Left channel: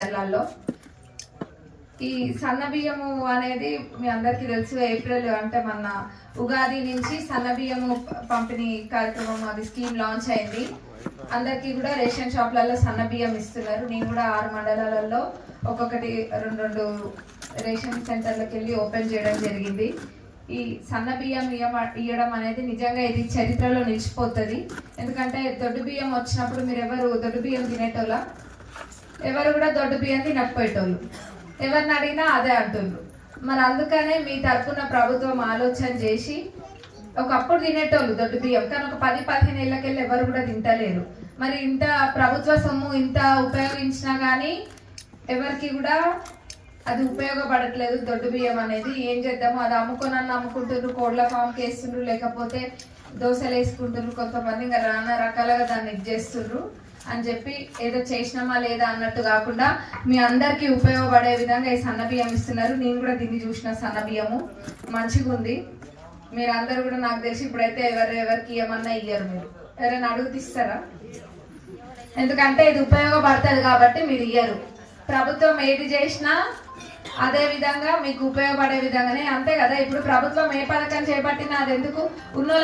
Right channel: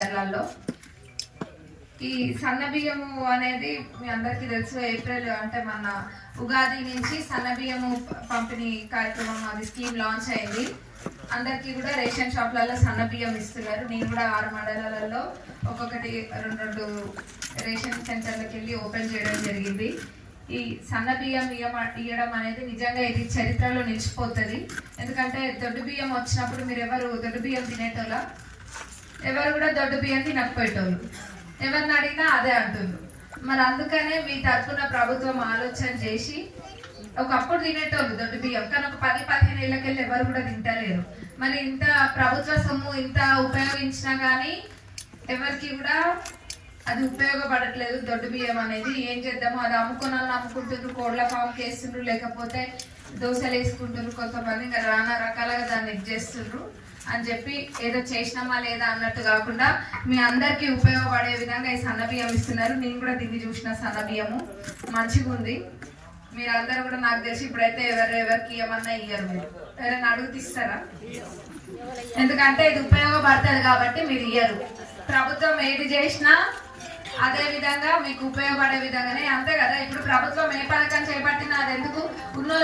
జిల్లాల్లో ఈ సన్న బియ్యము అనేది మీ అందరికీ తెలుసు ఏప్రిల్ అంటే మన ఉగాది నుంచి సన్న బియ్యము పంపిణీ కార్యక్రమం అది స్కీమ్ లాంచ్ అయింది. అందరికీ కూడా రేషన్ షాప్లలో సన్న బియ్యం ఇస్తున్నారు. నేను కూడా ఆరు మండలాలలో ఒక్కొక్కటి రెండు రెండు రేషన్ సెంటర్లకు వెళ్ళి ఓపెన్ చేయడం జరిగింది. ఈ సన్న బియ్యం ఇవ్వడం అనేది నిజంగా ఇది చరిత్రలో నిలిచిపోతుంది. ఎందుకంటే దొడ్డు బియ్యం వచ్చినప్పుడు మీరు ఎవరు దొడ్డు బియ్యం తినేటోళ్ళ? ఎవరు కూడా దొడ్డు బియ్యం తినకపోయేటోళ్ళు ఎవరిని అడిగినా అదే అంటుండ్రు. మరి అందుకనే మీ తరఫున ప్రభుత్వం ఆలోచన చేసి ఒకప్పుడు తినేటోళ్ళు దొడ్డు బియ్యం కానీ ఒక పది పదిహేను ఏళ్ళకెళ్ళి ఎవరు కూడా తింటలేరు. మరి ఇంత ప్రభుత్వ సొమ్ము ఇంత ఉపయోగించినా కానీ ఎవరికి కూడా అది ఉపయోగపడట్లేదు దొడ్డు బియ్యం అనేది. ఏం చేద్దాము అది అమ్ముకొని అమ్ముకుంటున్నారు కోళ్ళ ఫామ్కి వేస్తుండ్రు లేకపోతే దోశలు వేసుకుంటున్నారు కొంతమంది ఇంకా నానా రకాలుగా దాన్ని ఇది చేస్తుండ్రు. అని చెప్పి ఏదో చేసినామా లేదా అన్నట్టు కాకుండా మీ అందరికీ ఉపయోగపడే విధంగా ఈ సన్న బియ్యం ఇస్తున్నారు. నేను కూడా దీన్ని చూసిన సన్న బియ్యము. మంచిగా ఉంది. మీరు అందరూ కూడా నాకు తెలిసి ఇప్పుడైతే ఎవరు ఎవరికి ఇవ్వమన్నా ఇయ్యరు మీరు. ఎవరైనా అడుగుతూ ఇస్తారా? ఎందుకంటే ఇది ఉపయోగపడుతుంది కాబట్టి మీరు ఇయ్యరు. ప్రభుత్వం ఏది చేసినా అదే విధంగా మీకు ఉపయోగపడే విధంగానే అంతే కదా. ఇప్పుడు ప్రభుత్వం ఏ పథకం చేపట్టినా అది ఎందుకు? ఉన్న